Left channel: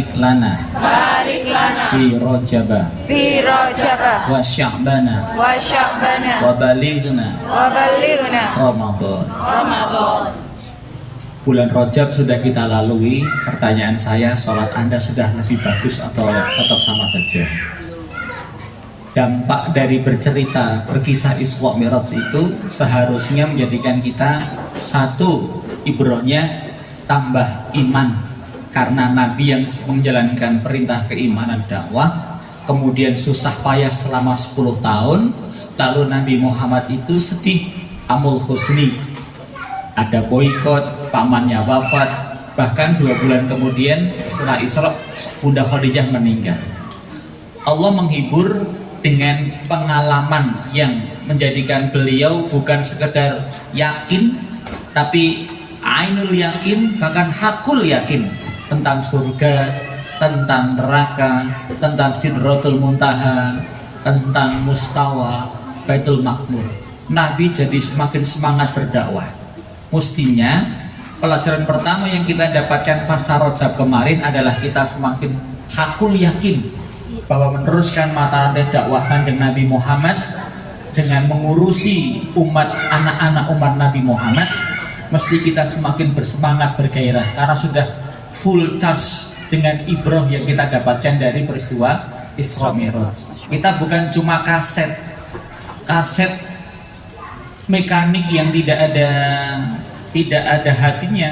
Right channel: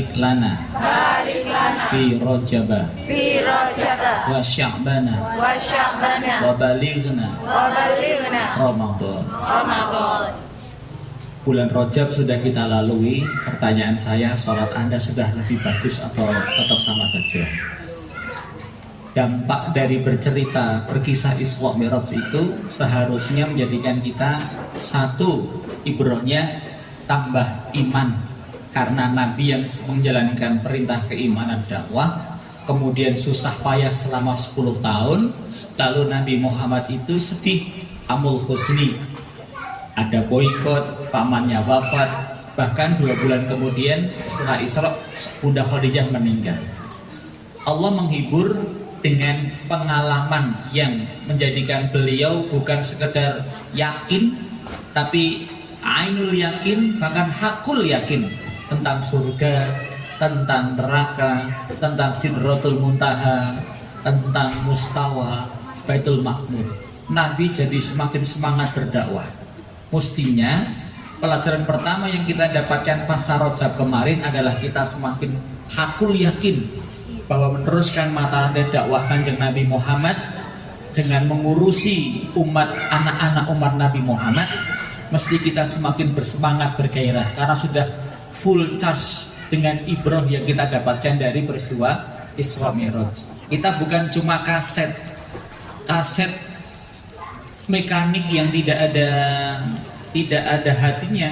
barik lana fi rojaba wa sya'bana wa balighna Ramadan. Bulan Rajab sudah kita lalui. Pertanyaan saya, sholat Anda sudah lebih bagus atau tetap sama saja? Dampak dari bercerita, berkisah Isra Mi'raj itu seharusnya menjadikan kita satu, ibrohnya tambah iman karena Nabi yang menjalankan perintah keimanan dakwah, kemudian susah payah selama 10 tahun, lalu Nabi Muhammad itu sedih, amul husni, ada boikot, pamannya wafat, bahkan 2 bulan kemudian setelah Isra, Bunda Khadijah meninggal. Allah menghibur dengan pengalaman yang menjadikan beliau bukan sekedar yakin, tapi ainul yakin, bahkan hakul yakin tentang surga, tentang neraka, tentang Sidratul Muntaha, tentang Mustawa, Baitul Maqmur. Nabi jadi semakin semangat berdakwah. Mestinya pelajaran pertama yang kita dapatkan pasca Rajab kemarin adalah kita semakin hakul yakin bahwa meneruskan mata rantai dakwah Kanjeng Nabi Muhammad dengan mengurusi umat, anak-anak umat Nabi Muhammad, mesti kita semakin bersemangat, bergairah karena sudah full charge dengan ibroh yang kita dapatkan dari peristiwa Isra Mi'raj. Kita bukan cuma kaset mekanik yang tidak ada hatinya,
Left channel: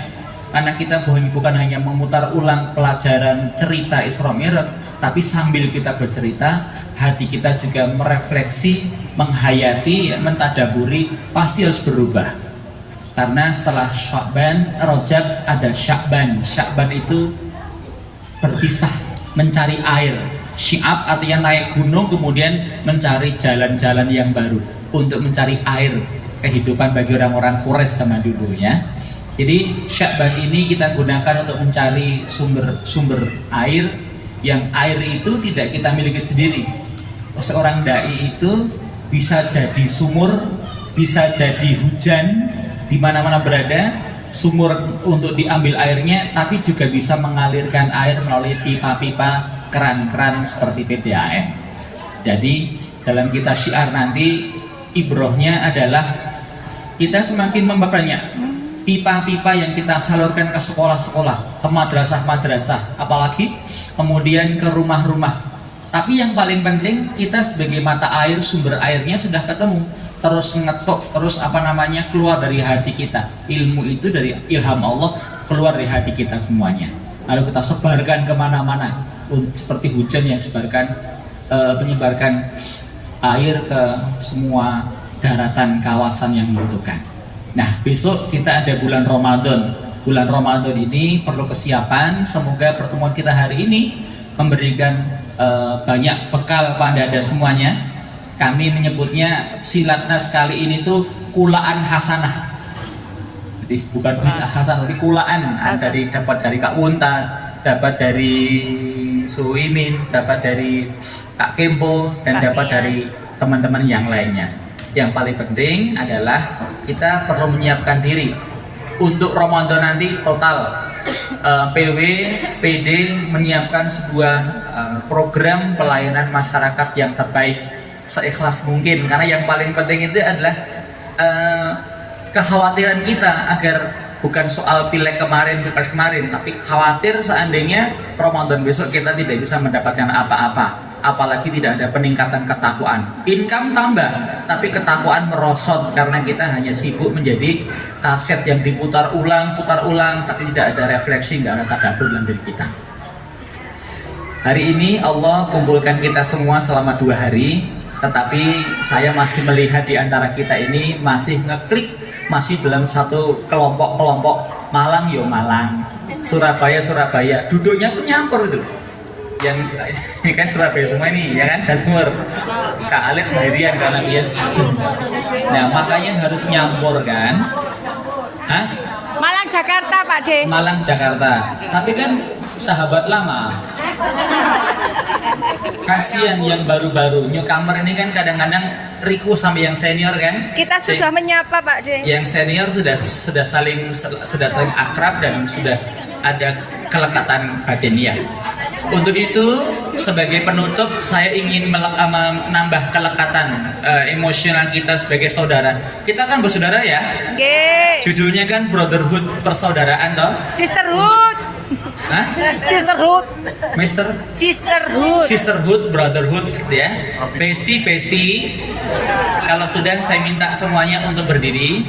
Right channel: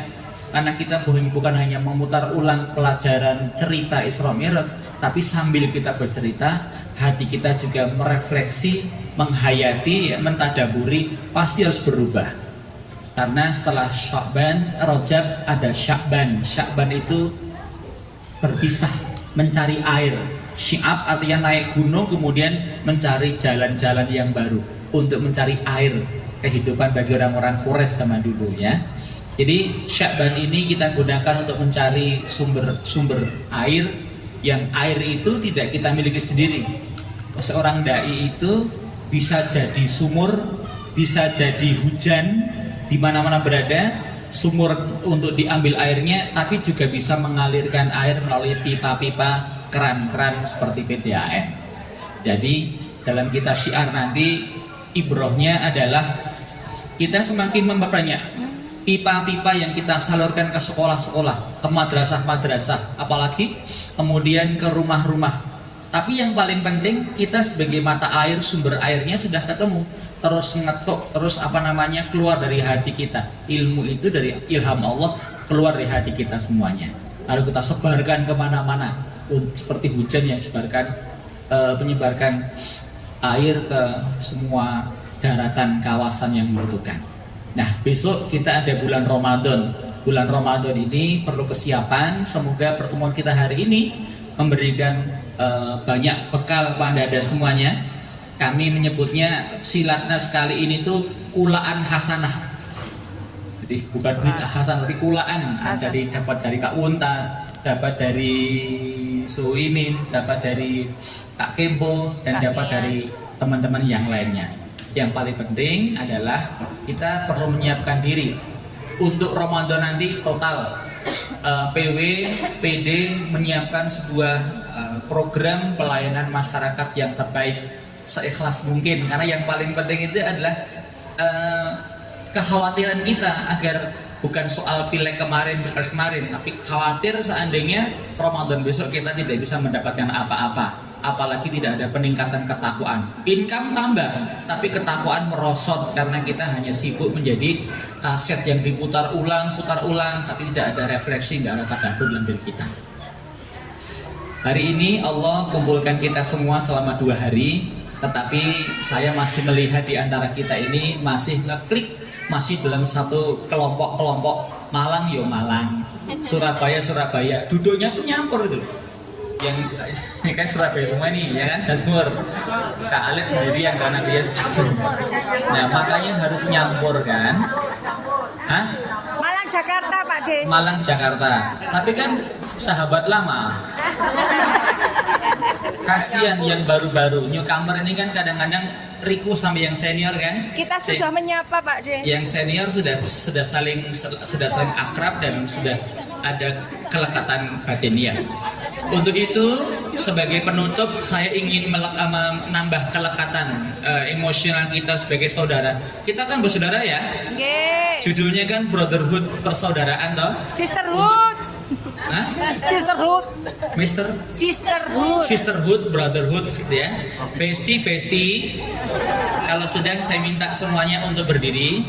karena kita bukan hanya memutar ulang pelajaran cerita Isra Mi'raj, tapi sambil kita bercerita, hati kita juga merefleksi, menghayati, mentadaburi, pasti harus berubah. Karena setelah Sya'ban, Rajab ada Sya'ban. Sya'ban itu berpisah, mencari air. Syi'ab artinya naik gunung, kemudian mencari jalan-jalan yang baru untuk mencari air kehidupan bagi orang-orang Quraisy zaman dulu ya. Jadi Sya'ban ini kita gunakan untuk mencari sumber air, yang air itu tidak kita miliki sendiri. Seorang dai itu bisa jadi sumur, bisa jadi hujan di mana-mana berada, sumur untuk diambil airnya, tapi juga bisa mengalirkan air melalui pipa-pipa, keran-keran seperti PDAM. Jadi dalam kita syiar nanti ibrohnya adalah kita semakin memperbanyak pipa-pipa yang kita salurkan ke sekolah-sekolah, ke madrasah-madrasah, apalagi kemudian ke rumah-rumah. Tapi yang paling penting, kita sebagai mata air, sumber airnya sudah ketemu, terus ngetok, terus keluar dari hati kita. Ilmu itu dari ilham Allah, keluar dari hati kita semuanya. Lalu kita sebarkan kemana-mana, seperti hujan yang menyebarkan air ke semua daratan kawasan yang membutuhkan. Nah, besok kita ada bulan Ramadan. Bulan Ramadan ini perlu kesiapan. Semoga pertemuan kita hari ini memberikan banyak bekal pada Anda semuanya. Kami menyebutnya silatnas kali ini tuh kulaan hasanah. Jadi bukan bid'ah hasanah, tapi kulaan. Anda dapat dari Kak Wunta, dapat dari Suimin, dapat dari Kak Kempo, dan dapat dari teman-teman yang lainnya. Yang paling penting adalah kita perlu menyiapkan diri untuk Ramadan nanti total. PW, PD menyiapkan sebuah program pelayanan masyarakat yang terbaik seikhlas mungkin, karena yang paling penting itu adalah kekhawatiran kita agar bukan soal pileg kemarin, pilpres kemarin, tapi khawatir seandainya Ramadan besok kita tidak bisa mendapatkan apa-apa. Apalagi tidak ada peningkatan ketakwaan. Income tambah, tapi ketakwaan merosot karena kita hanya sibuk menjadi kaset yang diputar ulang, tapi tidak ada refleksi, nggak ada tadabbur dalam diri kita. Hari ini Allah kumpulkan kita semua selama 2 hari, tetapi saya masih melihat di antara kita ini masih ngeklik, masih dalam satu kelompok-kelompok. Malang yo Malang, Surabaya, duduknya tuh nyampur itu. Yang ini kan Surabaya semua ini, ya kan, Jatimur. Kak Alex sendirian karena dia. Nah, makanya harus nyampur kan? Hah? Malang Jakarta, Pak De. Malang Jakarta. Tapi kan sahabat lama. Kasihan yang baru-baru. Newcomer ini kan kadang-kadang Riku sampai yang senior kan? Kita sudah menyapa, Pak De. Yang senior sudah saling akrab dan sudah ada kelekatan batiniah. Untuk itu, sebagai penutup, saya ingin menambah kelekatan emosional kita sebagai saudara. Kita kan bersaudara ya. Nggih. Judulnya kan Brotherhood, persaudaraan toh. Sisterhood. Hah? Sisterhood. Mister? Sisterhood. Sisterhood, brotherhood gitu ya. Bestie. Kalau sudah saya minta semuanya untuk berdiri.